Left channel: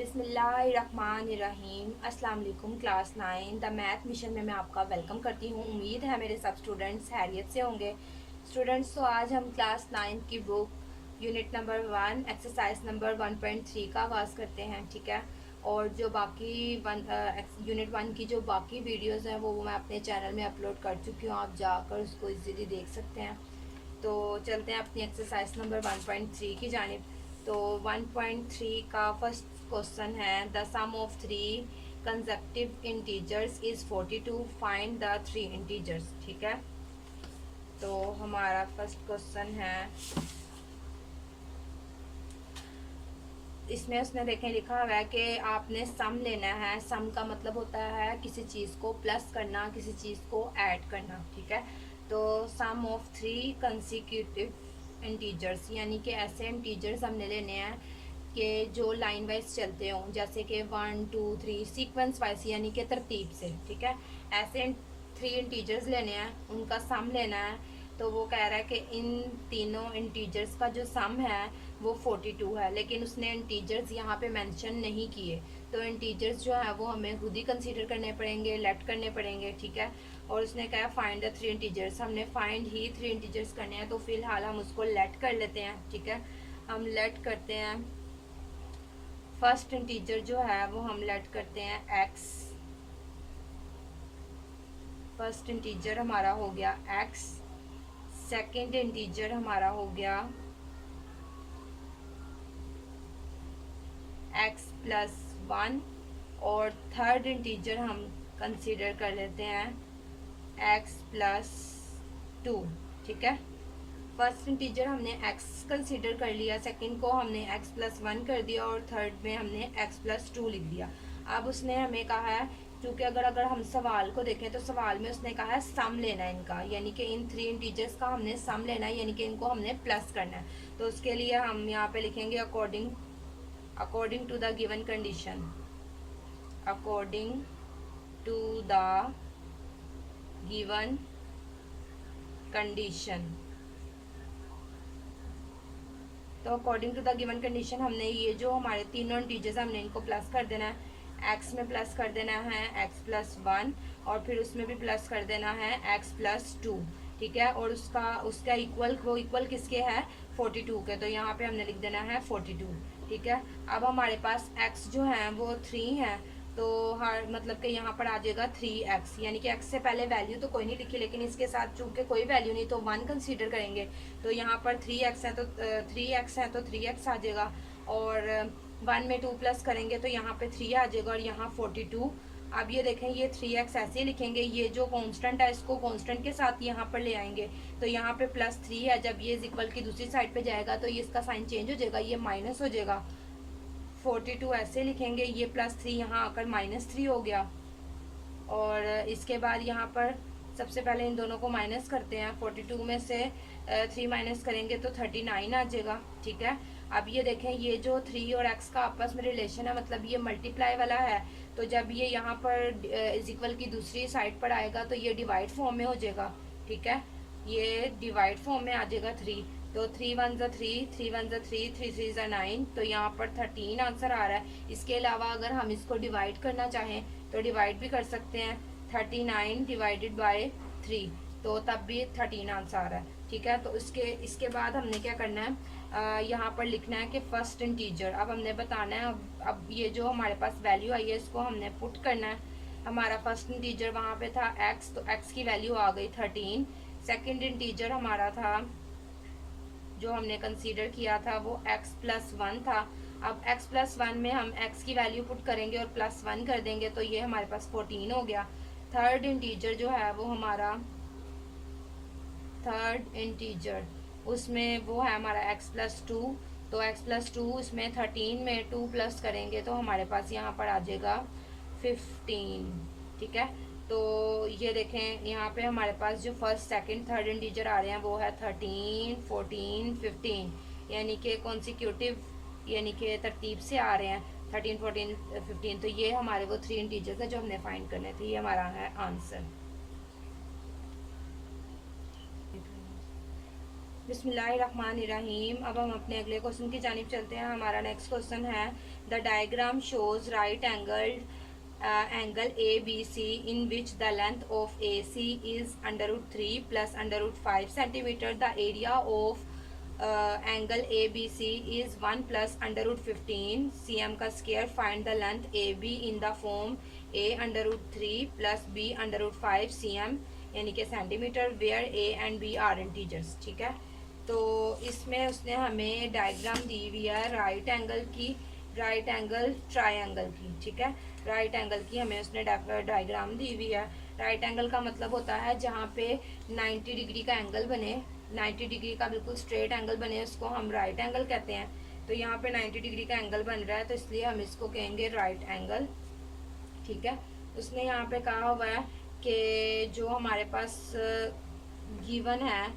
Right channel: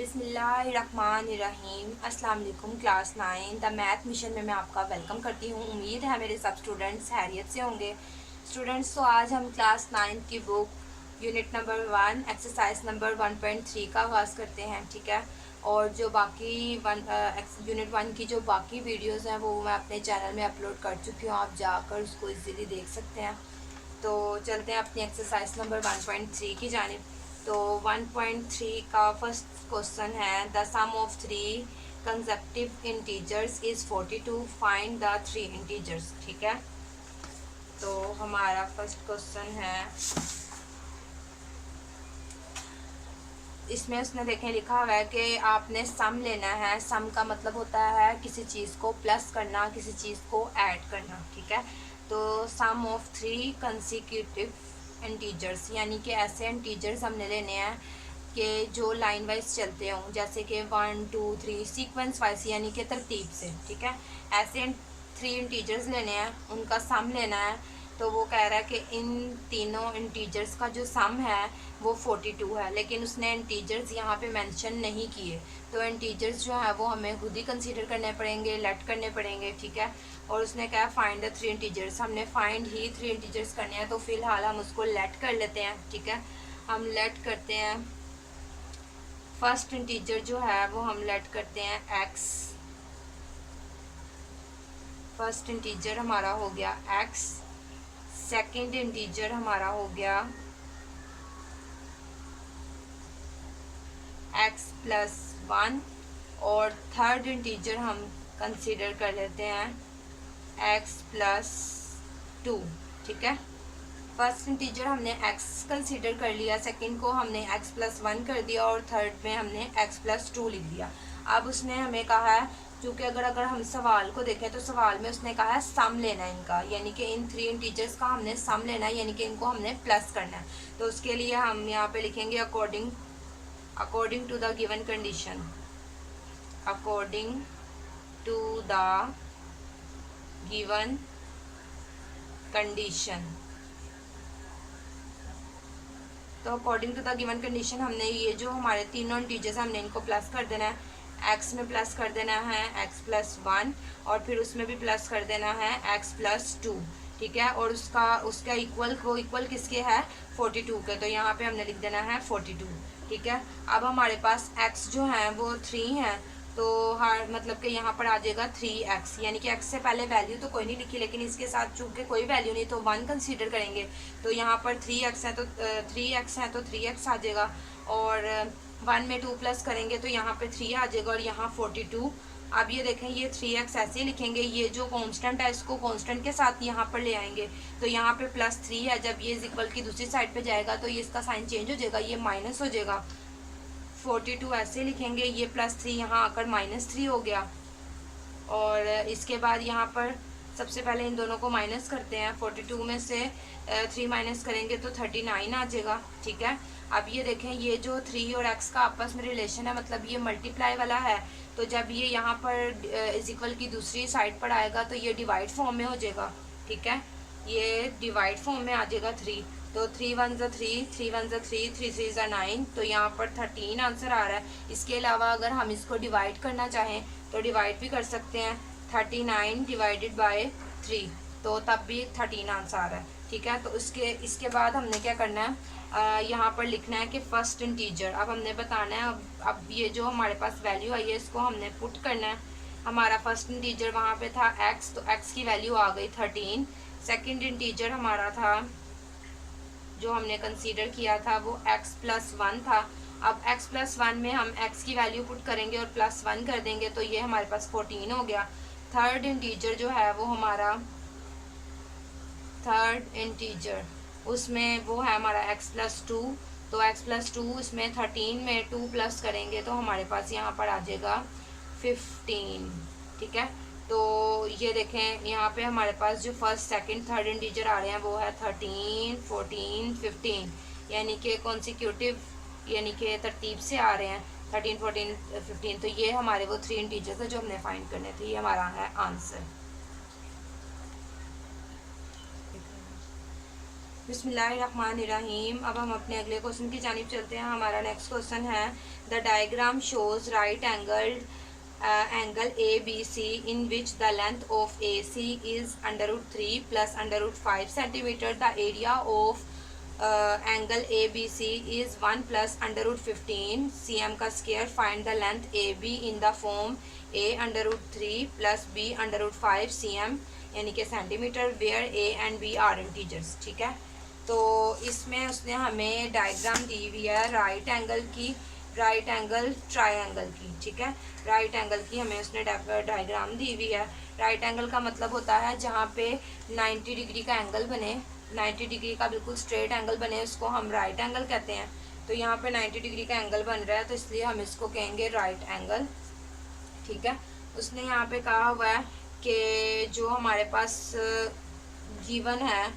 बिस्मिल्लाहिर्रहमानिर्रहीम। अस्सलाम वालेकुम। क्लास 9 द मैथ मिशन में मैं आपका वेलकम करती हूँ। उम्मीद है मेरे सब स्टूडेंट्स हैरियत से होंगे। स्टूडेंट्स, तो आज हम क्लास 9 की book unit number 1 exercise number 1.3 का आगाज़ करते हैं। ठीक है, और जो बाकी यूनिट 1 की जो बाकी वीडियोज़ हैं वो मैं अपने चैनल में अपलोड कर चुकी हूँ, आप जाकर उसको इजीली देख सकते हैं। तो चलते हैं अपनी एक्सरसाइज नंबर 1.3 की जानिब। तो 1.3 का फर्स्ट क्वेश्चन है, the sum of three consecutive integers is 42, find the three integers. ठीक है, तो हमारा फर्स्ट क्वेश्चन है, इसमें उसने देखें लिखा हुआ है कि आपने सम लेना है। सम का मतलब होता है किसी चीज़ को प्लस करना, किसी चीज़ को ऐड करना। ठीक है, तो सम ऑफ थ्री कंसेक्यूटिव इंटीजर्स, यानी कि ऐसे इंटीजर्स हमने लेने हैं कि जो लाइन वाइज चलते हों, जैसे कि 1 2 3 सीक्वेंस वाइज, यानी कि तरतीब से। ठीक है, ऐसे थ्री इंटीजर्स लेने हैं, उनका सम लेना है। तो वो कह रहा है कि इन तीनों इंटीजर्स का जो सम है वो 42 है, लेकिन उसने इंटीजर्स यहाँ पे मेंशन नहीं किए। तो इंटीजर्स जो है वो हमें खुद ही कंसीडर करने पड़ेंगे, लेट करने पड़ेंगे। ठीक है, और उसने कहा फाइंड द थ्री इंटीजर्स, हमने फाइंड ही थ्री इंटीजर्स करने हैं। तो फिलहाल हम उसको लेट कर लेते हैं। ठीक है, हम लेट करते हैं। फर्स्ट इंटीजर जो है वो हम लेट करते हैं एक्स। फर्स्ट इंटीजर हमारा हो गया एक्स। सेकंड इंटीजर हमारा हो गया एक्स प्लस 1, और थर्ड इंटीजर हम कंसीडर कर लेते हैं एक्स प्लस 2। ठीक है, फर्स्ट इंटीजर हमने x कंसीडर कर लिया, सेकंड को हमने x प्लस 1 कर दिया, और थर्ड में हमने x प्लस 2 लिख दिया। अब उसने हमें कहा है, क्योंकि अगर हम सवाल को देखें तो सवाल में उसने कहा है सम लेना है इनका, यानी कि इन थ्री इंटीजर्स का हमने सम लेना है, यानी कि इनको हमने प्लस करना है। तो उसके लिए हम यहाँ पे लिखेंगे according to the given condition. According to the given condition. तो according to the given condition हमने ये जो हमारे तीनों इंटीजर्स हमने इनको प्लस कर देना है। एक्स में प्लस कर देना है एक्स प्लस 1, और फिर उसमें भी प्लस कर देना है एक्स प्लस 2। ठीक है, और उसका इक्वल, वो इक्वल किसके है 42 के, तो यहाँ पे हमने लिख देना है 42। ठीक है, अब हमारे पास एक्स जो है वो 3 है, तो हर मतलब कि यहाँ पर आ जाएगा 3x, यानी कि x से पहले वैल्यू तो कोई नहीं लिखी, लेकिन इसके साथ चूंकि कोई वैल्यू नहीं तो 1 कंसीडर करेंगे। तो यहाँ पर 3x है तो 3x आ जाएगा, और 1 में 2 प्लस करेंगे तो यहाँ पे 3 आ जाएगा, और यहाँ 42। अब ये देखें, ये 3x ऐसे ही लिखेंगे, ये जो कांस्टेंट है इसको कांस्टेंट के साथ यहाँ पर ले आएंगे। तो यहाँ पे +3 है, जब ये इक्वल की दूसरी साइड पे जाएगा तो ये इसका साइन चेंज हो जाएगा, ये माइनस हो जाएगा। 42 ऐसे लिखेंगे, ये +3 यहाँ आकर -3 हो गया। और इसके बाद यहाँ पर सबसे पहले इन दोनों को माइनस करते हैं। 42 में से 3 माइनस करेंगे तो 39 आ जाएगा। ठीक है, अब ये देखें, ये जो 3 और x का आपस में रिलेशन है, मतलब ये मल्टीप्लाई वाला है, तो जब ये यहाँ पर इक्वल की दूसरी साइड पर आएगा तो ये डिवाइड फॉर्म में हो जाएगा। ठीक है, ये डिवाइड फॉर्म में आ जाएगा 3, तो 3 1 ज़ा 3, 3 1 ज़ा 3, 3 3 ज़ा 9, तो यहाँ पर 13 आंसर आ रहा है। इसके अलावा अगर हम इसको डिवाइड करना चाहें तो डिवाइड भी कर सकते हैं, 39 डिवाइडेड बाय 3, तो तब भी 13 आंसर आ रहा है। ठीक है, तो इसके बाद हमने क्या करना है, यहाँ पर लिखना है कि फर्स्ट इंटीजर। अब हमने बताना है, अब ये जो हमारे पास वैल्यू आई है इसको हमने पुट करना है। हमारा फर्स्ट इंटीजर वहाँ पे था x, तो x की वैल्यू आ गई 13। सेकंड इंटीजर हमारा था जो हमने कंसीडर किया था वो x प्लस 1 था। अब x प्लस 1 में हम x की वैल्यू पुट करेंगे और +1 कर देंगे, तो ये हमारे पास 14 हो गया। थर्ड इंटीजर जो है वो हमारा, थर्ड इंटीजर उसमें वो है हमारा x प्लस 2, तो x प्लस 2 इसमें 13 में 2 प्लस करेंगे तो हमारे पास यहाँ पर आ जाएगा 15। ठीक है, तो ये देखें यहाँ पे हमारे पास जो फर्स्ट सेकंड थर्ड इंटीजर आ रहे हैं वो है 13 14 15, यानी कि कॉन्सिक्यूटिव, यानी कि तरतीब से आ रहे हैं 13 14 15। तो ये हमारे वो थ्री इंटीजर्स है जो हमने फाइंड करने थे, ये हमारा है आंसर। बिस्मिल्लाहिर्रहमानिर्रहीम। अब हम अपने अगले क्वेश्चन की जानिब चलते हैं। हमारा नेक्स्ट क्वेश्चन है the diagram shows right angle A B C in which the length of A C is √3 plus √5 centimetre. The area of angle A B C is 1 plus √15 cm का square. Find the length A B in the form a √3 plus b √5 cm यानी कि centimetre where a and b are integers. ठीक है, तो इसमें उसने हमें diagram दी हुई है राइट एंगल ट्रायंगल की। ठीक है, राइट एंगल की हमें उसने डायग्राम दी हुई है। राइट एंगल का मतलब होता है जहाँ पे 90 डिग्री का एंगल बने, 90 डिग्री का बिल्कुल स्ट्रेट एंगल बने, उसको हम राइट एंगल कहते हैं। तो यहाँ पे 90 डिग्री का एंगल बन रहा है तो इसलिए हम इसको कहेंगे राइट एंगल। ठीक है, उसने यहाँ पे कहा हुआ है कि जो हमारे पास गिवन है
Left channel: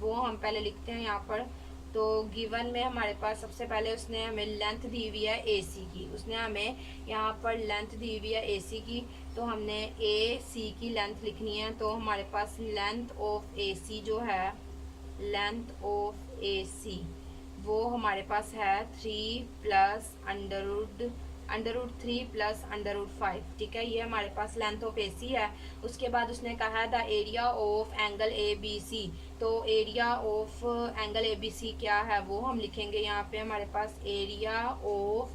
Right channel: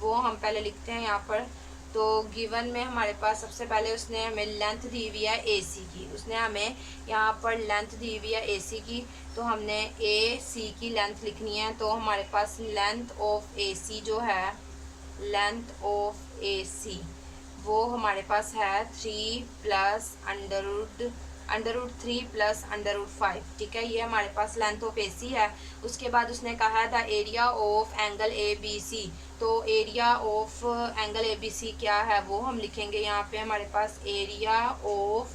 वो हम पहले लिखते हैं यहाँ पर। तो गिवन में हमारे पास सबसे पहले उसने हमें लेंथ दी हुई है AC की। उसने हमें यहाँ पर लेंथ दी हुई है AC की, तो हमने AC की लेंथ लिखनी है। तो हमारे पास लेंथ ऑफ AC जो है, लेंथ ऑफ AC वो हमारे पास है 3 प्लस √3 प्लस √5। ठीक है, ये हमारे पास लेंथ ऑफ AC है। उसके बाद उसने कहा the area of angle ABC। तो एरिया ऑफ एंगल ABC क्या है वो हम लिखेंगे यहाँ पे। हमारे पास एरिया ऑफ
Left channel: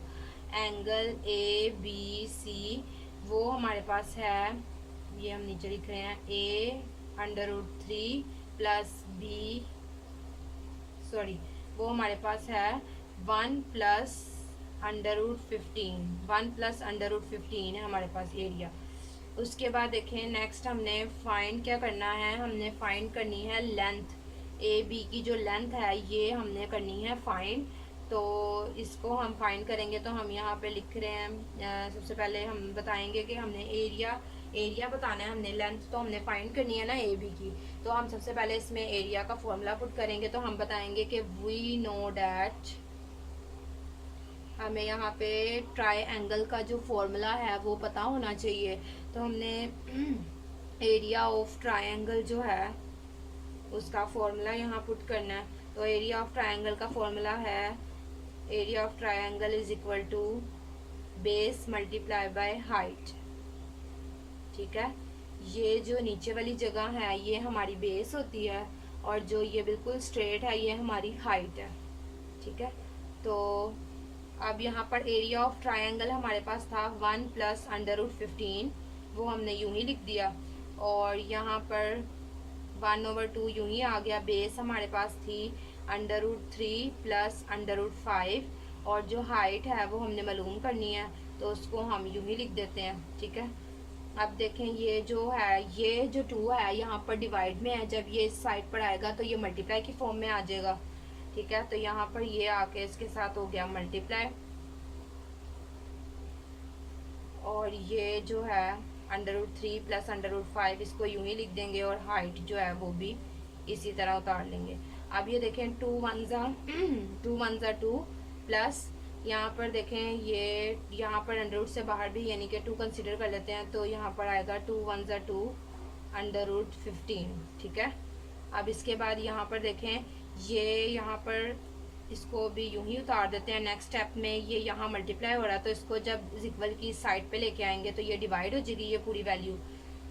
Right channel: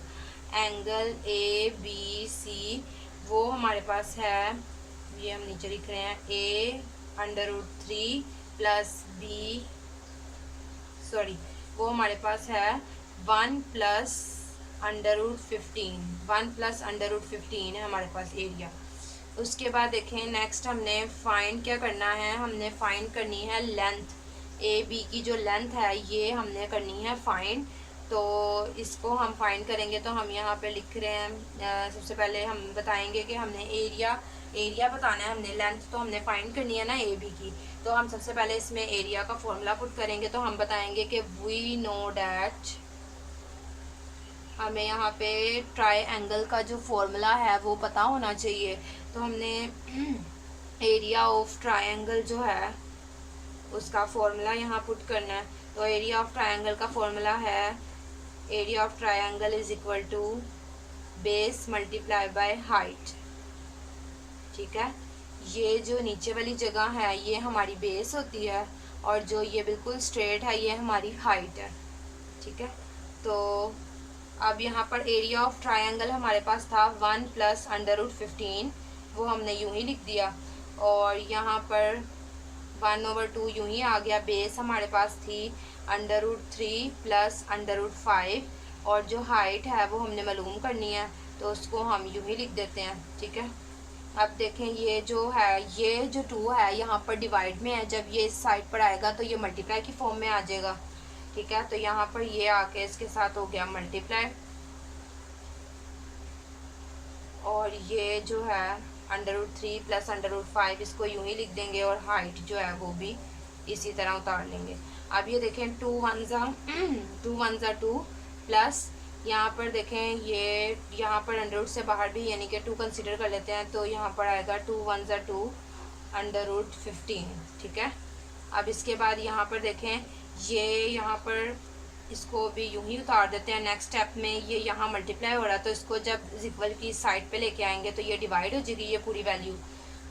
एंगल ABC वो हमारे पास है, ये हम नीचे लिख रहे हैं, A √3 प्लस वो हमारे पास है 1 प्लस √15 है हमारे पास एरिया। उसके बाद देखें नेक्स्ट हमने फाइंड क्या करना है, हमने फाइंड करनी है लेंथ AB की। जो लेंथ है ये हमने करनी है फाइंड। तो इसको हम फाइंड करेंगे तो हम यहाँ पे लिख रहे हैं, सबसे पहले हम बताएंगे कि हमने एरिया बताना है, हमने लेंथ तो हमने फाइंड करनी है ना AB की। तो हम सबसे पहले इसमें एरिया का फॉर्मूला पुट करेंगे। तो हम बताएंगे कि वी नो डैट, हमें यहाँ पे ट्रायंगल का जो फॉर्मूला है वो पता होना चाहिए। तो हमने एरिया ऑफ ट्रायंगल जो है उसका फॉर्मूला यहाँ पुट करना है। तो एरिया ऑफ ट्रायंगल का फॉर्मूला है area of triangle is equal to base multiply by height. ठीक है, ये जो नीचे वाली जगह है ये हमारी बेस होती है और जो ये बिल्कुल स्ट्रेट है ये हमारी हाइट है। ठीक है, तो अब यहाँ पर एरिया ऑफ ट्रायंगल हमारे पास था 1 प्लस √15, वो हमने यूं ही लिख दिया। और यहाँ पर 1/2 यूं ही आ गया। बेस हमारे पास थी √3 प्लस √5 और जो हाइट है वो हमने मालूम करनी है तो उसको हम यूं ही लिख देते हैं। ठीक है, अब देखें ये जो है, ये जो 2 है यहाँ पर डिवाइड में है, जब ये इस साइड पर आएगा तो ये मल्टीप्लाई की फॉर्म में आ जाएगा। ठीक है, तो यहाँ पर ये आके इसके साथ हो गया मल्टीप्लाई और ये जो है √3 प्लस √5 इसको यूं ही लिख देंगे और हाइट जो है वो भी इसी तरह उतार लेंगे। अब ये देखें 2 1 ज़ा 2 प्लस यहाँ पर देखें ये यहाँ पर अंडर से बाहर भी यानी कि 2 कंसीडर कर लेते हैं। तो यहाँ पर आएगा 2 1 ज़ा 2 √15। ठीक है, अब इसके बाद यहाँ पर देखें ये यहाँ पर इसको भी यूं ही उतार देते हैं। नेक्स्ट स्टेप में ये यहाँ मल्टीप्लाई हो रहा है तो इसको जब इज इक्वल की साइड पे लेके आएंगे तो ये डिवाइड हो जाएगी ये पूरी वैल्यू।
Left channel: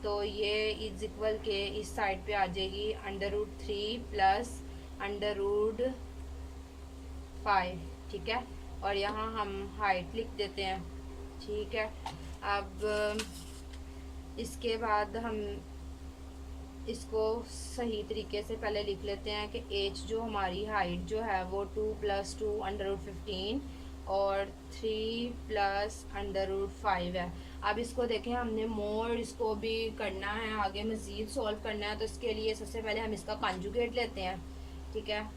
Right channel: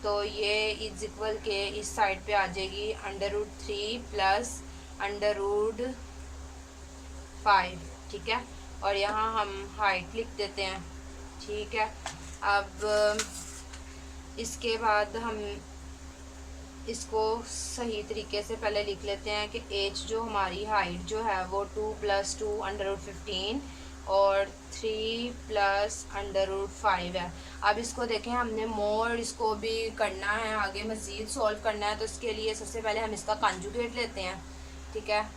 तो ये इज इक्वल के इस साइड पे आ जाएगी √3 प्लस √5। ठीक है, और यहाँ हम हाइट लिख देते हैं। ठीक है, अब इसके बाद हम इसको सही तरीके से पहले लिख लेते हैं कि h जो हमारी हाइट जो है वो 2 + 2 √15 और 3 + √5 है। अब इसको देखें हमने मोर इसको भी करना है, आगे मज़ीद सॉल्व करना है। तो इसके लिए सबसे पहले हम इसका कॉन्जुगेट लेते हैं। ठीक है,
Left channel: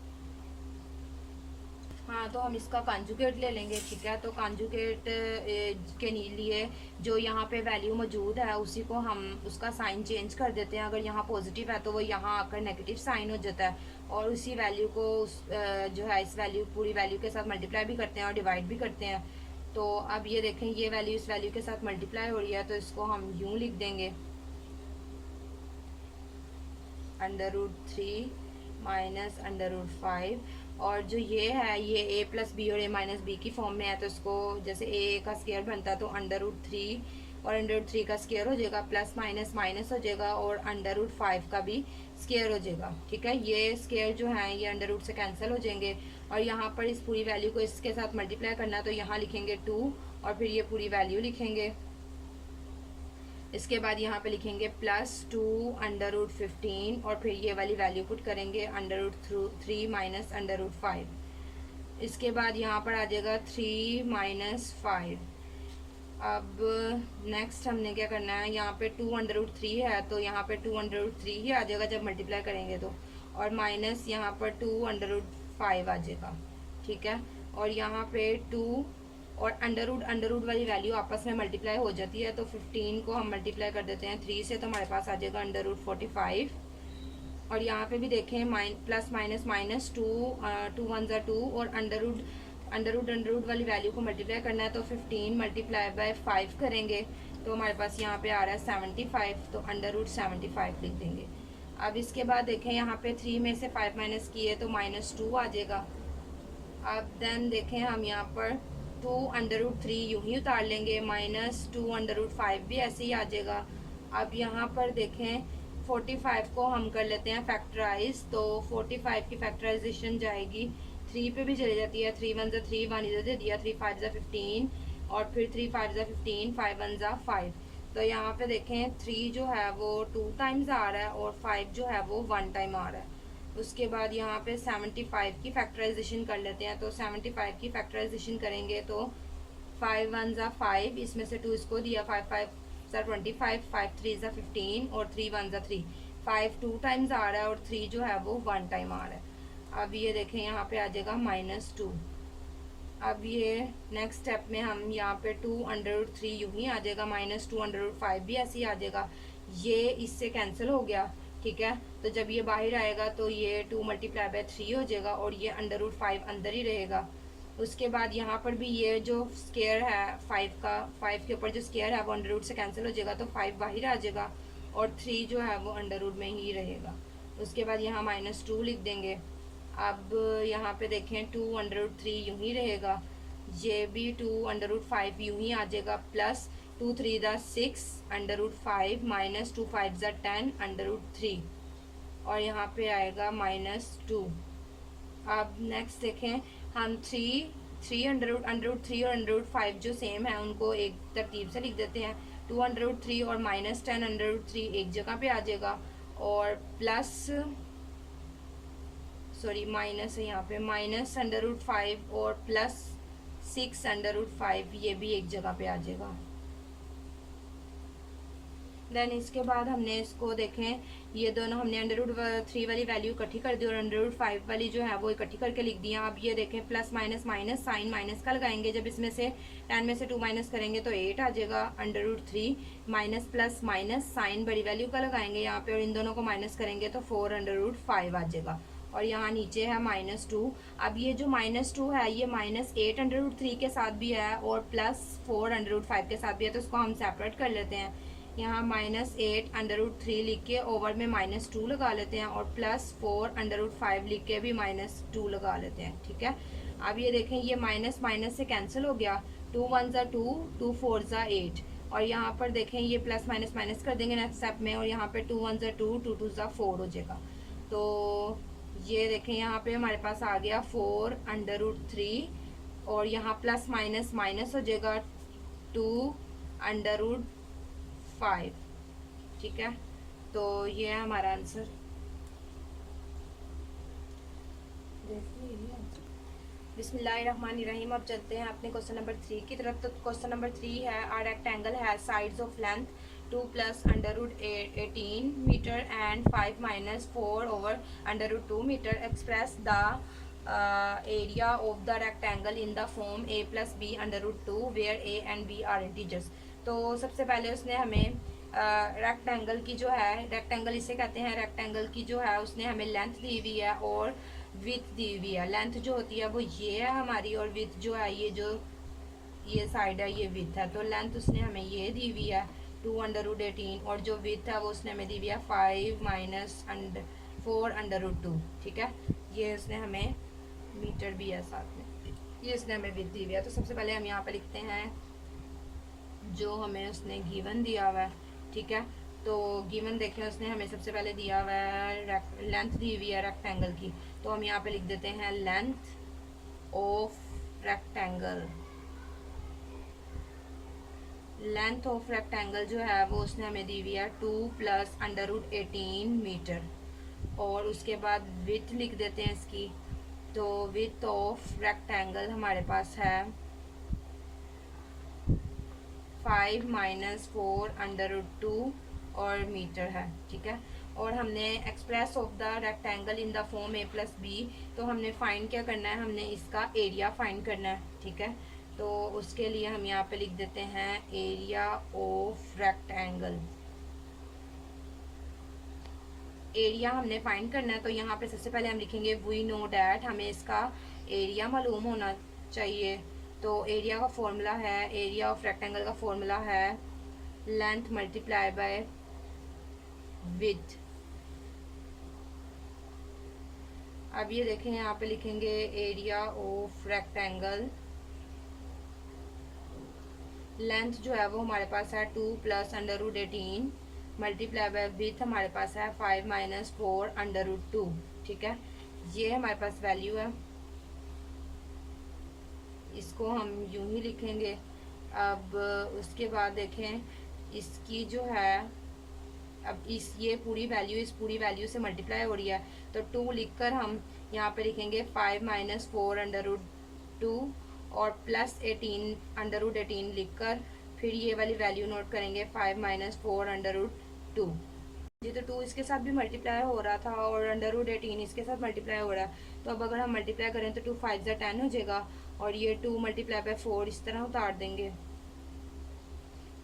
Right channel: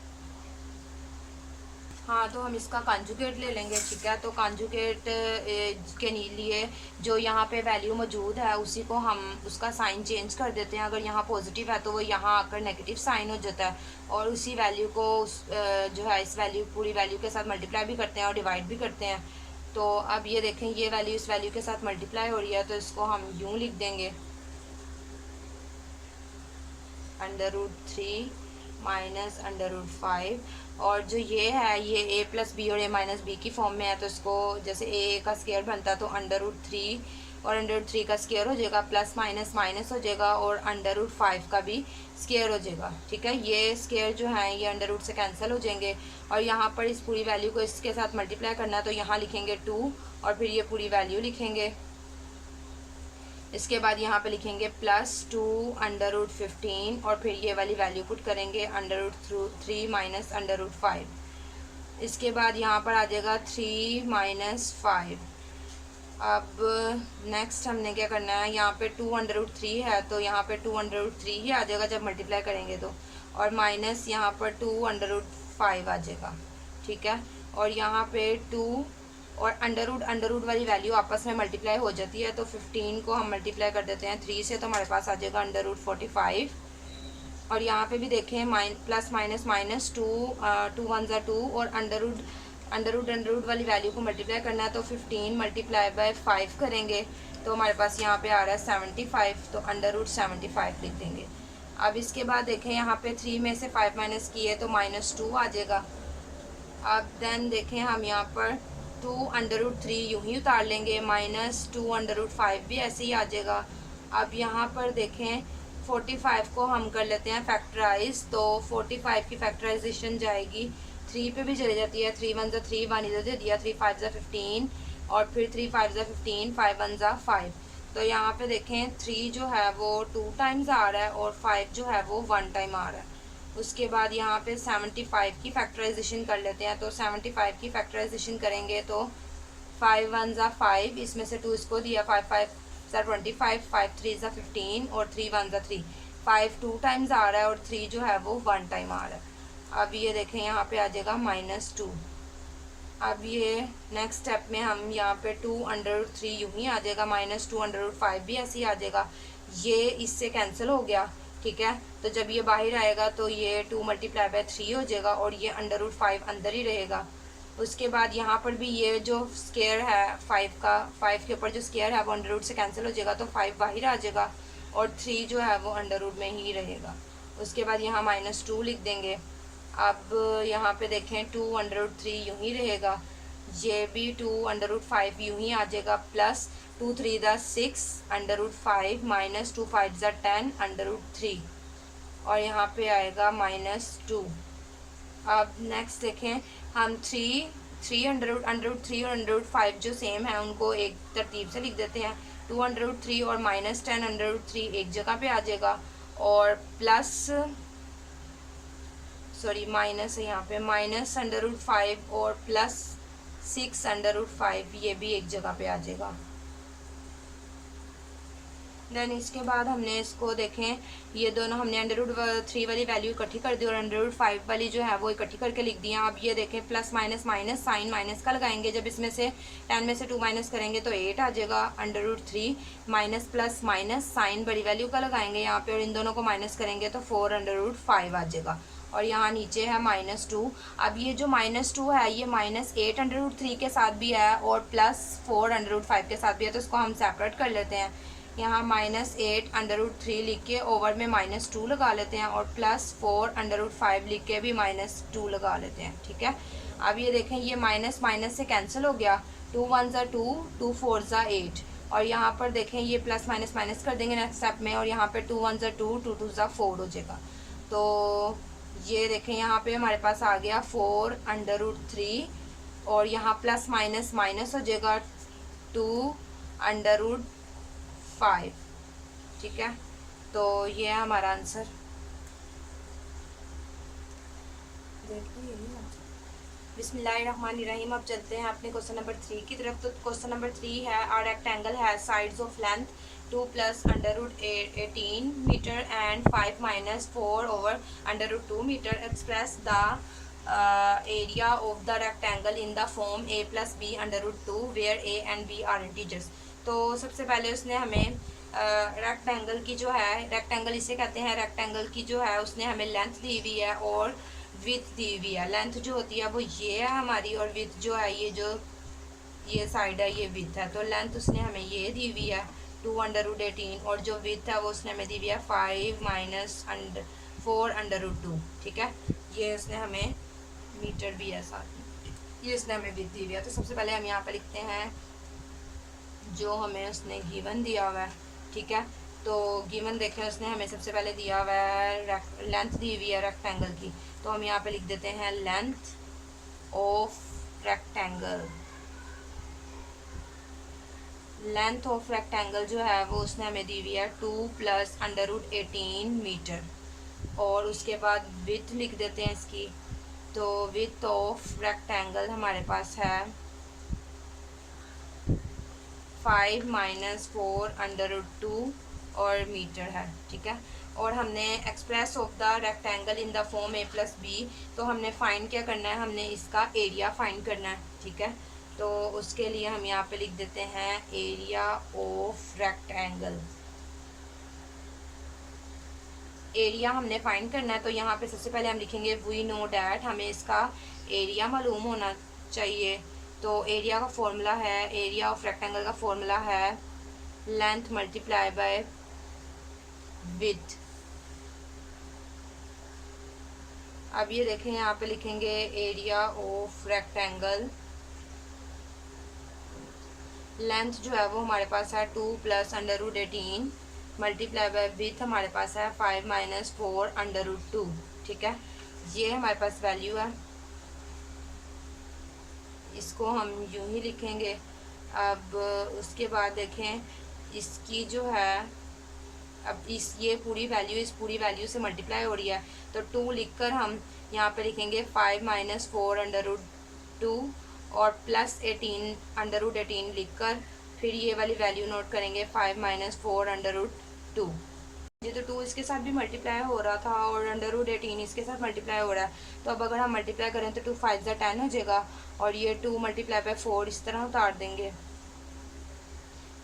हाँ तो हम इसका कॉन्जुगेट ले लेंगे। ठीक है, तो कॉन्जुगेट के लिए जो यहाँ पे वैल्यू मौजूद है उसी को हम उसका साइन चेंज कर देते हैं। अगर यहाँ पॉजिटिव है तो वो यहाँ आकर नेगेटिव साइन हो जाता है और उसी वैल्यू को जो है इस वैल्यू पूरी वैल्यू के साथ मल्टीप्लाई भी करते हैं और डिवाइड भी करते हैं। तो अब ये देखें ये वैल्यू इस वैल्यू के साथ मल्टीप्लाई हो रही है तो इसको हम यूँ लिख देंगे √3 माइनस अंडर रूट 5। और जो ये है ये ए प्लस बी और ए माइनस बी की फॉर्म में है, तो इसको जैसे ए का स्क्वायर बनता है तो अंडर रूट 3 और अंडर रूट 3 का स्क्वायर हो जाएगा, प्लस माइनस माइनस हो जाएगा और अंडर रूट 5 का भी स्क्वायर हो जाएगा। ठीक है, ये स्क्वायर जो है ये अंडर रूट से कैंसिल हो जाएंगे। और यहाँ पर इस पूरी वैल्यू को इसके साथ मल्टीप्लाई करना, तो यहाँ लिखेंगे 2 और फिर ये पूरी वैल्यू लिखेंगे। इसके बाद यहाँ पे लिखेंगे प्लस 2 अंडर रूट 15 और फिर ये वाली वैल्यू पुट करेंगे under root 3 minus under root 5। इसके बाद यहाँ पर आ जाएगा 3 माइनस 5। अब नेक्स्ट हमने क्या करना है, यहाँ पे 2 अंडर रूट 3 है तो यहाँ पे 2 अंडर रूट 3 ही आ जाएगा जब मल्टीप्लाई करेंगे तो, और माइनस यहाँ पर 2 अंडर रूट 5 आ जाएगा। ठीक है, और यहाँ पे 2 और अंडर रूट वाली वैल्यू आपस में मल्टीप्लाई हो जाती है, तो 15 को हम मल्टीप्लाई कर देते हैं 3 से, तो हमारे पास आ जाएगा अंडर रूट 45। और यहाँ पे भी देखें प्लस माइनस माइनस 2 1 ज़ा 2 और अंडर रूट वाली वैल्यू को मल्टीप्लाई करना है, तो 15 मल्टीप्लाई बाय 5 करेंगे तो हमारे पास यहाँ पे आ रहा है 75, तो अंडर रूट 75 लिख देंगे। अब इसके बाद देखें यहाँ पे 3 में से 5 माइनस किए तो -2 आ जाएगा। अब देन देखें हम यहाँ पर 2 अंडर रूट 3 यूँ ही उतार लेंगे, -2 अंडर रूट 5 भी ऐसे ही आ जाएगा। अब यहाँ पर देखें 45 को हम कर लेते हैं फैक्टराइज, तो 45 की फैक्टराइजेशन जाएगी 3 पे भी चली जाती है, 3 1 ज़ा 3 1 इधर दे दिया, 3 5 ज़ा 15 और फिर 3 5 ज़ा 15 5 1 ज़ा 5। तो यहाँ पे देखें 3 जो है वो 2 टाइम्स आ रहा है और 5 जो है वो 1 टाइम आ रहा है। उसके बाद यहाँ पे 75 की फैक्टराइजेशन कर लेते हैं, तो 75 की फैक्टराइजेशन करेंगे तो 5 1 ज़ा 5, इसमें से 2 इसको दिया, 5 5 ज़ा 25, 5 3 ज़ा 15 और 3 1 ज़ा 3। 5 2 टाइम्स आ रहा है और 3 जो है वो 1 टाइम आ रहा है। अब ये देखें यहाँ पे आ जाएगा -2। अब ये नेक्स्ट स्टेप में हम यहाँ पे 2 अंडर रूट 3 यूँ ही आ जाएगा, -2 अंडर रूट 5 भी ऐसे ही आ जाएगा, ये इससे कैंसिल हो गया। ठीक है, तो जब ये बाहर आएगा तो ये 2 मल्टीप्लाई बाय 3 हो जाएगा और ये अंडर रूट 5 अंदर ही रहेगा। उसके बाद यहाँ पर भी ये जो स्क्वायर है 5 का, 5 के ऊपर जो स्क्वायर है वो अंडर रूट से कैंसिल हो जाएगा, तो 5 बाहर आ जाएगा और 3 जो है वो अंडर रूट में ही रहेगा। उसके बाद यहाँ -2 लिख देंगे। अब यहाँ पे देखें 2 अंडर रूट 3 यूँ ही रहेगा, ये भी 2 अंडर रूट 5 यूँ ही आ जाएगा, प्लस 2 3 ज़ा 6 अंडर रूट 5 माइनस 2 5 ज़ा 10 अंडर रूट 3 और यहाँ पे आएगा -2। अब नेक्स्ट देखें हम 3 अंडर रूट 3 और अंडर रूट 5 जो सेम है उनको एक तरतीब से लिख देते हैं। 2 अंडर रूट 3 और -10 अंडर रूट 3 एक जगह पे आ जाएगा और प्लस माइनस है यहाँ पे माइनस अंडर रूट 5 और प्लस 6 अंडर रूट 5 ये भी एक जगह पे आ जाएगा। देन इसके बाद हमने इसको देखें ये दोनों हमने अंडर रूट 3 वाली वैल्यू इकट्ठी कर दी और अंडर रूट 5 वाली जो है वो इकट्ठी करके लिख दिया। अब ये देखें plus minus minus sign minus का लगाएंगे, जब इसमें से 10 में से 2 माइनस करेंगे तो 8 आ जाएगा। Under root 3 minus plus minus sign बड़ी वैल्यू का लगाएंगे यहाँ पे और इन दोनों को माइनस करेंगे तो 4 अंडर रूट 5 आ जाएगा और यहाँ नीचे है -2। अब ये जो -2 है ये -8 अंडर रूट 3 के साथ भी है और प्लस 4 अंडर रूट 5 के साथ भी है, तो इसको हम सेपरेट कर लेते हैं। यहाँ -8 अंडर रूट 3 लिख के ओवर में -2 लगा लेते हैं और प्लस 4 अंडर रूट 5 लिख के भी -2 लगा लेते हैं। ठीक है, अब ये देखें ये माइनस माइनस से कैंसिल हो गया, 2 1 ज़ा 2 2 4 ज़ा 8 और यहाँ पर देखें ये प्लस माइनस माइनस कर देंगे नेक्स्ट स्टेप में और यहाँ पे 2 1 ज़ा 2 2 2 ज़ा 4 हो जाएगा। तो ये देखें यहाँ पे हमारे पास आ गया 4 अंडर रूट 3 और यहाँ प्लस माइनस माइनस हो जाएगा 2 अंडर रूट 5। ठीक है, तो ये है हमारा आंसर। बिस्मिल्लाहिर्रहमानिर्रहीम। अब चलते हैं अपने क्वेश्चन नंबर 3 की तरफ। तो क्वेश्चन नंबर 3 है आ रेक्टेंगल है sides of length 2 + under root 18 metre and 5 - 4 over under root 2 metre. Express the area of the rectangle in the form a + b under root 2 where a and b are integers. तो सबसे पहले उसने हमें rectangle की जो है, rectangle इसे कहते हैं, रेक्टेंगल की जो है उसने हमें लेंथ दी हुई है और विड्थ दी हुई है। लेंथ जो होती है वो ये है हमारी और विड्थ जो है ये साइड है ये विड्थ है। तो लेंथ उसने हमें ये दी हुई है 2 अंडर रूट 18 और जो विड्थ है वो उसने हमें दी हुई है 5 - 4√2, ठीक है। ये उसने हमें मीटर भी है साथ में, ये उसने हमें विथ दी हुई है। तो सबसे पहले हम यहाँ पे लिखते हैं जो हमें उसने गिवन दिया हुआ है, ठीक है। तो गिवन देखें उसने हमें सबसे पहले दिया हुआ है लेंथ दी हुई है रेक्टेंगल की, तो हम यहाँ पे लिख देते हैं length of rectangle. Length of rectangle जो है वो उसने हमें दी हुई है 2 + √18 मीटर। और उसके बाद विथ लिख देते हैं इसकी, तो विथ ऑफ रेक्टेंगल हमारे पास है 5 - 4√2 और मीटर है, ठीक है। और हमने express of the rectangle in the form a+b, तो हमने फाइंड क्या करना है, हमने इसका एरिया फाइंड करना है, ठीक है। तो उसके लिए हम यहाँ पे लिख देते हैं एरिया ऑफ रेक्टेंगल। एरिया हमने फाइंड करना है, तो यहाँ पे सबसे पहले हम लिखेंगे वी नो डैट, हमें इसका एरिया मालूम होना चाहिए। तो एरिया का फॉर्मूला है, एरिया ऑफ रेक्टेंगल का फॉर्मूला है लेंथ मल्टीप्लाई बाय विड्थ। अब ये देखें यहाँ पे लिखेंगे एरिया ऑफ रेक्टेंगल, लेंथ जो है वो हमारे पास है 2 + √18 मल्टीप्लाई बाय विड्थ हमारे पास है 5 - 4√2, ठीक है। ये हमारे पास वैल्यू है, इसको हम यूं ही लिखेंगे। अब उसके बाद देखें इसकी जो है, अब ये पूरी वैल्यू इस पूरी वैल्यू से मल्टीप्लाई हो रही है, तो 2 लिखकर हम यहाँ पे लिखेंगे 5 - 4√2 और +18 लिखकर फिर ये वाली वैल्यू नोट करेंगे 5 - 4√2। ये तो 2 इसके साथ भी मल्टीप्लाई हो रहा था और √18 इसके साथ मल्टीप्लाई हो रहा है। तो अब अगर हम मल्टीप्लाई करें तो 2 5 10 हो जाएगा, और ये 2 × 4 इस तरह उतार देंगे,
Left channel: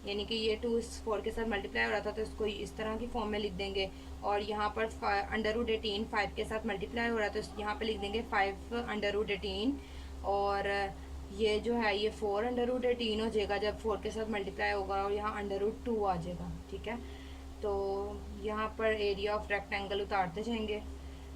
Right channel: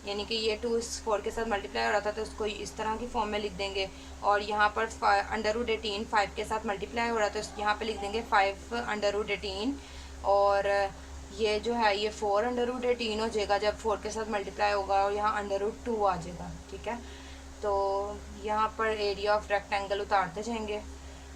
यानी कि ये 2 इस 4 के साथ मल्टीप्लाई हो रहा था तो इसको इस तरह की फॉर्म में लिख देंगे। और यहाँ पर √18 5 के साथ मल्टीप्लाई हो रहा है तो यहाँ पे लिख देंगे 5 √18, और ये जो है ये 4 √18 हो जाएगा जब 4 के साथ मल्टीप्लाई होगा, और यहाँ √2 आ जाएगा, ठीक है। तो यहाँ पर एरिया ऑफ रेक्टेंगल उतारते जाएंगे।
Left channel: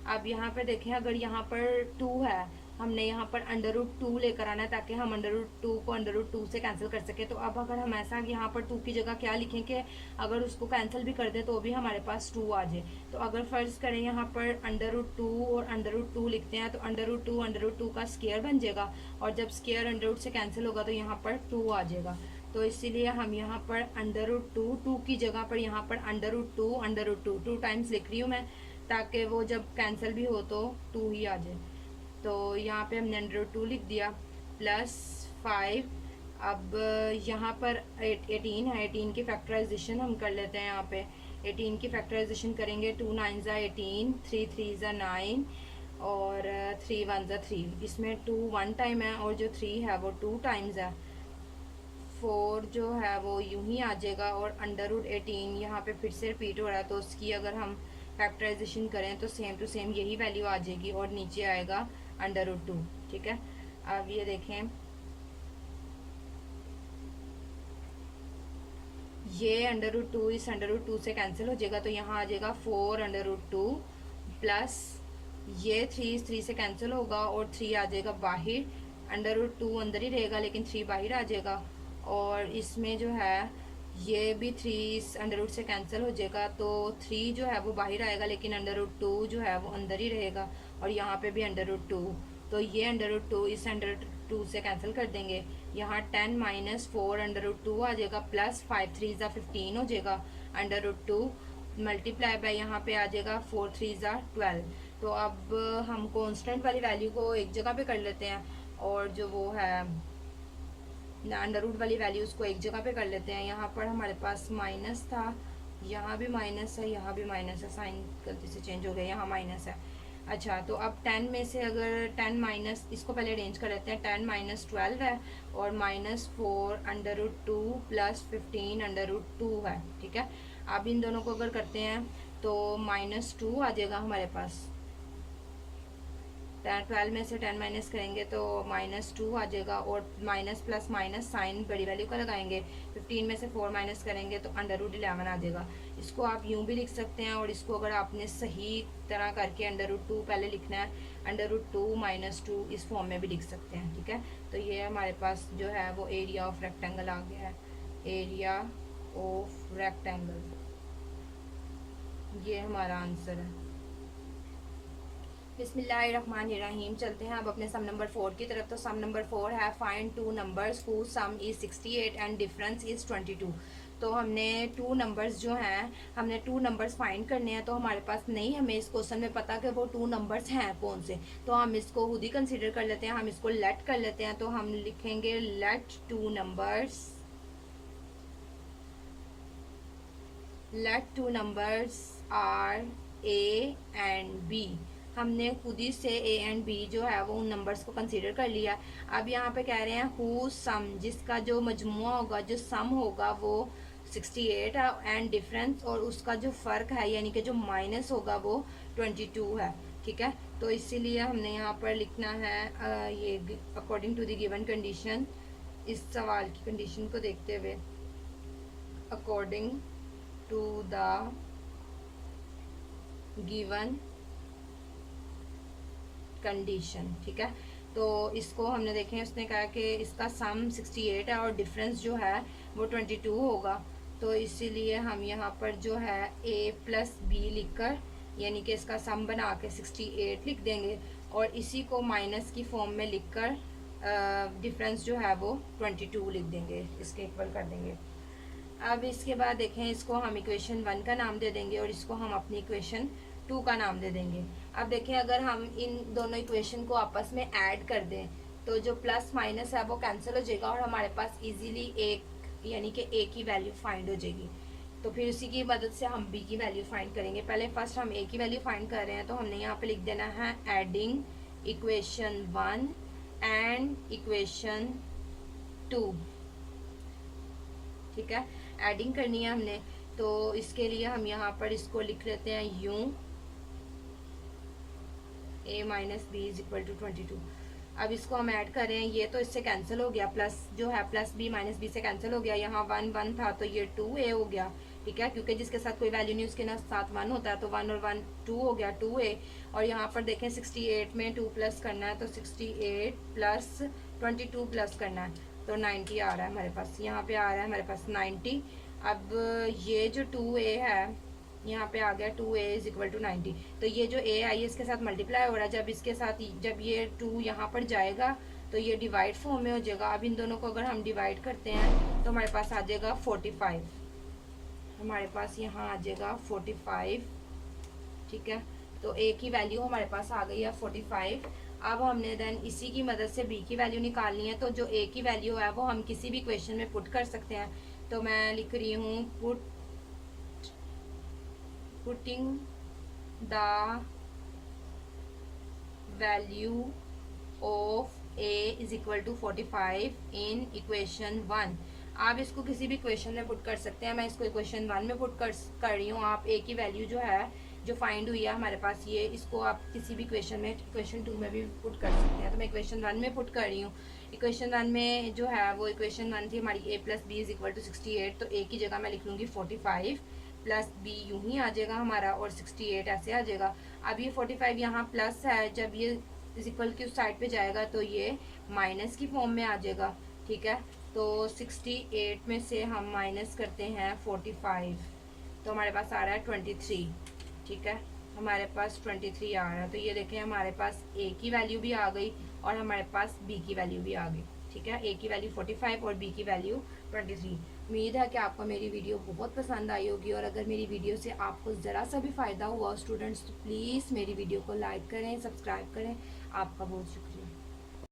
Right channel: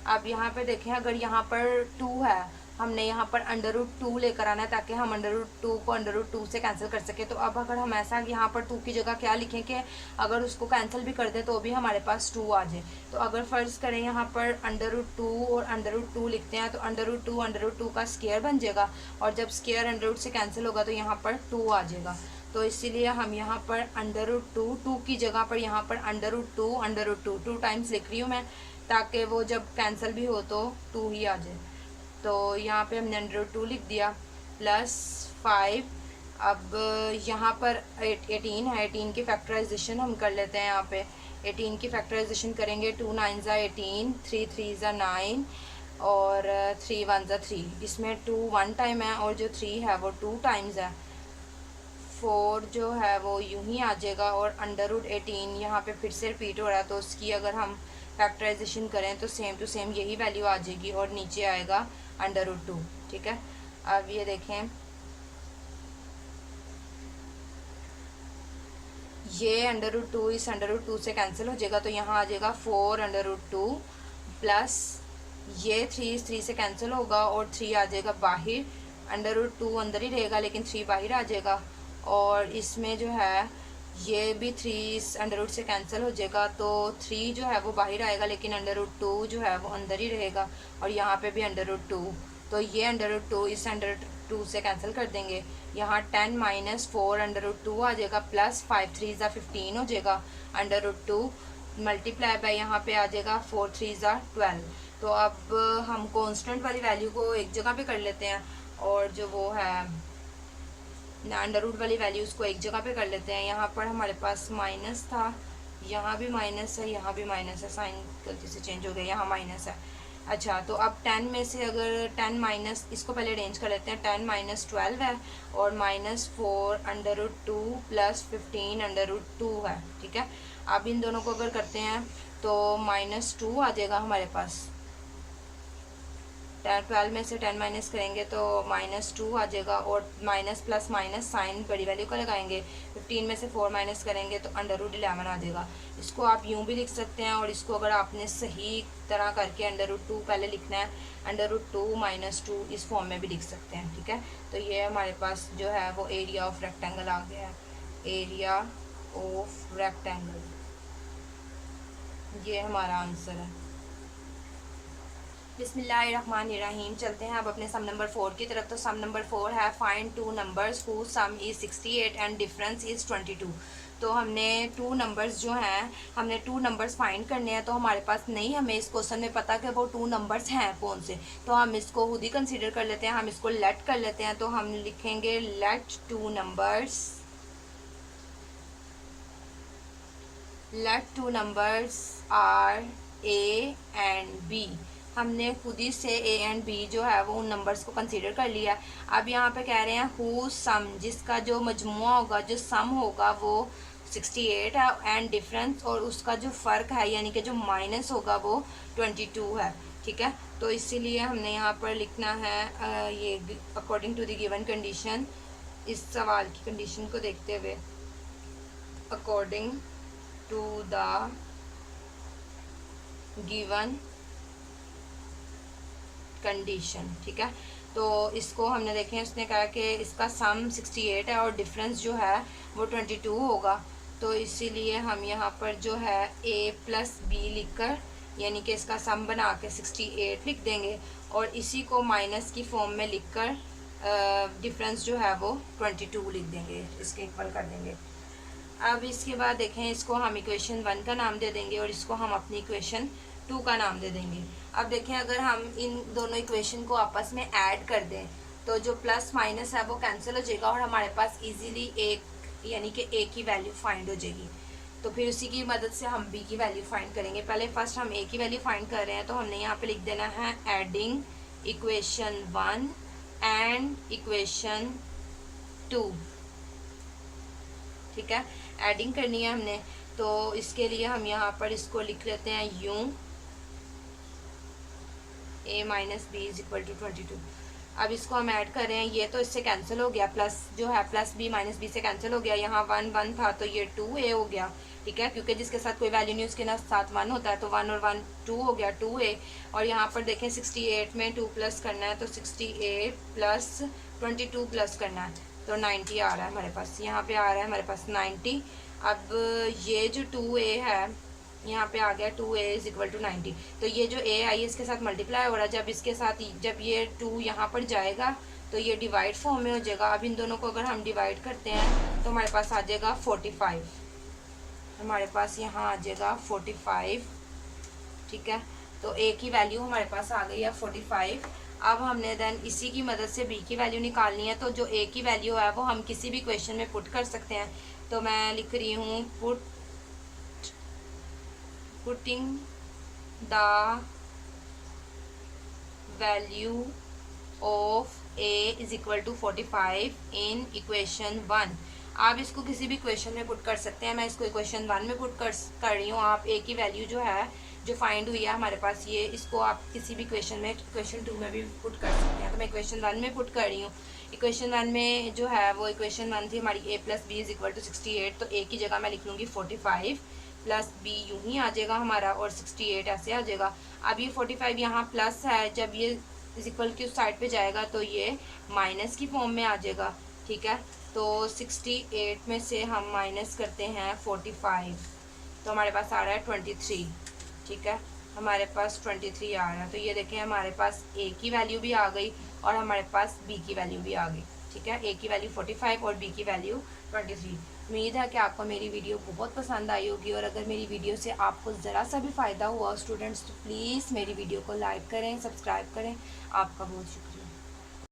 अब यहाँ पे देखें, अगर यहाँ पर 2 है, हमने यहाँ पर √2 लेकर आना है ताकि हम √2 को √2 से कैंसिल कर सके। तो अब अगर हम ऐसा यहाँ पर 2 की जगह क्या लिखें कि अगर उसको कैंसिल भी कर दें तो भी हमारे पास 2 आ जाए। तो अगर फ़र्ज़ करें यहाँ पर √2 और √2 लिखते हैं तो √2 का स्क्वायर बन जाएगा, और जब स्क्वायर √2 से कैंसिल होगा तो यहाँ पर 2 आ जाएगा। तो इसीलिए हम यहाँ पर √2 की जगह पर यहाँ पर √2 2 टाइम्स लिख रही हूँ मैं, ताकि वो जब कैंसिल भी हो तो 2 ही आ जाए। तो यहाँ पे हमने √2 लिख दिया +5। अब यहाँ पर 18 है, 18 की फैक्टराइजेशन हम कर लेते हैं। यहाँ पे 18 की फैक्टराइजेशन करेंगे, 2 9 ज़ा 18, 3 3 ज़ा 9 और 3 1 ज़ा 3। इसमें 2 1 टाइम है और जो 3 है वो 2 टाइम्स है। 4 जो है वो यूं ही आ जाएगा, और √18 यहाँ पे फिर से रिपीट हो रहा है तो उसकी अगर हम फैक्टराइजेशन करें तो सेम टू सेम यही वैल्यू आ जाएगी और नीचे आएगा √2, ठीक है। अब ये देखें, ये √2 इस √2 से कैंसिल हो जाएगा तो यहाँ आ जाएगा 4√2 प्लस ये 3 से कैंसिल होगा और 3 आ जाएगा बाहर, √2 अंदर ही रहेगा लेकिन 3 बाहर आ जाएगा। और इसमें जो है ये भी 3 इस √2 से कैंसिल हो जाएगा तो 3 जो है वो बाहर आएगा लेकिन √2 जो है वो अंदर ही रहेगा, और यहाँ पे भी √2, तो ये √2 इस √2 से कैंसिल कर देंगे। यहाँ 10 - 4√2 आ जाएगा प्लस 5 3 ज़ा 15 हो जाएगा, √2 मल्टीप्लाई बाय यहाँ पे आ जाएगा 4 3 ज़ा 12। तो अब हम कांस्टेंट वाली वैल्यू को एक जगह पे कर लेते हैं और जो वो है √रूट वाली वैल्यूज़ को एक जगह पे कर लेते हैं। यहाँ पर हमारे पास माइनस था, यहाँ भी माइनस है, यहाँ भी माइनस है, साइन गलती से चेंज हो गया, यहाँ माइनस है। अच्छा, तो अब 10 में से अगर 10 माइनस, इसको पहले अरेंज कर लेते हैं, 10 - 12 है और -4 √2 प्लस 15 √2 है, ठीक है। अब इन दोनों को अगर करते हैं तो -2 आ जाएगा हमारे पास। 12 में से 10 माइनस करेंगे तो -2 आ जाएगा, और माइनस प्लस माइनस साइन बड़ी वैल्यू का लगाएंगे। 15 में से 4 माइनस करेंगे तो √11 आ जाएगा। इसको आप यूँ भी लिख सकते हैं, और इसको अगर आपने सही तरह करके √2 पहले लिखना है, √2 - 2 इस फॉर्म में भी लिख सकते हैं। ठीक है, तो ये हमारे पास जो है वो एरिया ऑफ रेक्टेंगल आ गया है। एरिया ऑफ रेक्टेंगल, ये हमारा आंसर है। बिस्मिल्लाहिर्रहमानिर्रहीम। चलते हैं अब अपने सम नंबर 4 की तरफ। तो सम नंबर 4 है find 2 numbers who some is 68 and difference is 22। तो हमने 2 नंबर्स जो हैं, हमने 2 नंबर्स फाइंड करने हैं। तो हमारे पास नहीं, हमें इस क्वेश्चन में पता कि वो 2 नंबर्स हैं कौन से, तो हम इसको खुद ही कंसीडर कर लेते हैं। हम इसको लेट कर लेते हैं, तो हम लिखेंगे let 2 numbers are A and B. हमने खुद ही से ए एंड बी जो है वो उन नंबर्स को कंसीडर कर लिया। अब यहाँ पे कह रहे हैं हु सम, जिसका जो मजमुआ होगा, जो सम होगा वो 68 है, एंड डिफरेंस, और उसका जो फ़र्क है यानी कि जो माइनस होगा वो 22 है। ठीक है, तो इसीलिए हमने यहाँ पर लिखना है ये according to the given condition. इस सवाल की कंडीशन को देखते हुए, according to the given condition. ठीक है, तो इसको हमने देखें, उसने कहा कि इसका सम 68 है और डिफरेंस जो है वो 22 होगा। तो इसीलिए हम यहाँ पर जो है a + b लिखकर, यानी कि इसका सम बना के 68 लिख देंगे, और इसी को माइनस की फॉर्म में लिखकर डिफरेंस जो है वो 22 लिख देंगे, इसके इक्वल कर देंगे। अब इसके बाद देखें, इसको हम इक्वेशन 1 का नाम दे देंगे और इसको हम अपनी इक्वेशन 2 का नाम दे देंगे। अब देखें, अगर हम इन दोनों इक्वेशन को आपस में ऐड कर दें तो जो प्लस माइनस है वो कैंसिल हो जाएगा, और हमारे पास इजीली एक यानी कि ए की वैल्यू फाइंड हो जाएगी। तो फिर उसी की मदद से हम बी की वैल्यू फाइंड करेंगे। पहले फर्स्ट हम ए की वैल्यू फाइंड कर रहे हैं, तो हमने यहाँ पे लिख देना है एडिंग इक्वेशन 1 एंड इक्वेशन 2। ठीक है, एडिंग करनी है हमने, तो इसके लिए हम यहाँ पर इसको लिख लेते हैं यूँ, a - b = 22। अब इसको हम ऐड कर रहे हैं, ये तो इससे कैंसिल हो गया, प्लस जो है प्लस b - b से कैंसिल हो गया। यहाँ 1 1 था तो ये 2a हो गया। ठीक है, क्योंकि जिसके साथ कोई वैल्यू नहीं उसके साथ 1 होता है, तो 1 और 1 2 हो गया, 2a। और यहाँ पर देखें 68 में 2 प्लस करना है, तो 68 + 22 प्लस करना है, तो 90 आ रहा है हमारे पास। यहाँ पे आ रहा है हमारे पास 90। अब ये जो 2a है यहाँ पे आ गया 2a = 90। तो ये जो a आई है इसके साथ मल्टीप्लाई हो रहा है, जब इसके साथ जब ये 2 यहाँ पर जाएगा तो ये डिवाइड फॉर्म में हो जाएगा। अब इन दोनों को अगर हम डिवाइड करते हैं तो हमारे पास आ जाएगा 45, हमारे पास यहाँ आ जाएगा 45। ठीक है, तो a की वैल्यू हमारे पास आ गई है 45। अब हमने देन इसी की मदद से b की वैल्यू निकालनी है। तो जो a की वैल्यू है वो हम किसी भी क्वेश्चन में पुट कर सकते हैं। तो मैं लिख रही हूँ putting the value of a = 45 in equation 1। आप इसको किसी भी क्वेश्चन में पुट कर सकते हैं। मैं इसको इक्वेशन 1 में पुट कर रही हूँ। आप a की वैल्यू जो है जो फाइंड हुई है हमारे पास, ये इसको आप किसी भी क्वेश्चन में, इक्वेशन 2 में भी पुट कर सकते हैं। तो मैं इक्वेशन 1 में पुट कर रही हूँ। इक्वेशन 1 में जो है वो इक्वेशन 1 थी हमारी a + b = 68। तो a की जगह मैं लिख लूँगी 45 + b यूँ ही आ जाएगा हमारा, और 68 ऐसे आ जाएगा। अब ये 45 यहाँ प्लस है, जब ये इक्वल की उस साइड पे जाएगा तो ये माइनस की फॉर्म में आ जाएगा। ठीक है, तो 68 में से हम माइनस करते हैं 45, तो हमारे पास आ रहा है 23। ठीक है, हमारे पास 23 आ रहा है। तो ये देखें हमारे पास a की वैल्यू भी आ गई और हमारे पास b की वैल्यू भी आ गई। ठीक है, a की वैल्यू 45 और b की वैल्यू 23। उम्मीद है कि आपको मेरी वीडियो बहुत पसंद आई होगी, और अगर मेरी वीडियो से आपको ज़रा सा भी फ़ायदा हुआ स्टूडेंट्स, तो प्लीज़ मेरी वीडियो को लाइक करें, सब्सक्राइब करें। आपका बहुत शुक्रिया।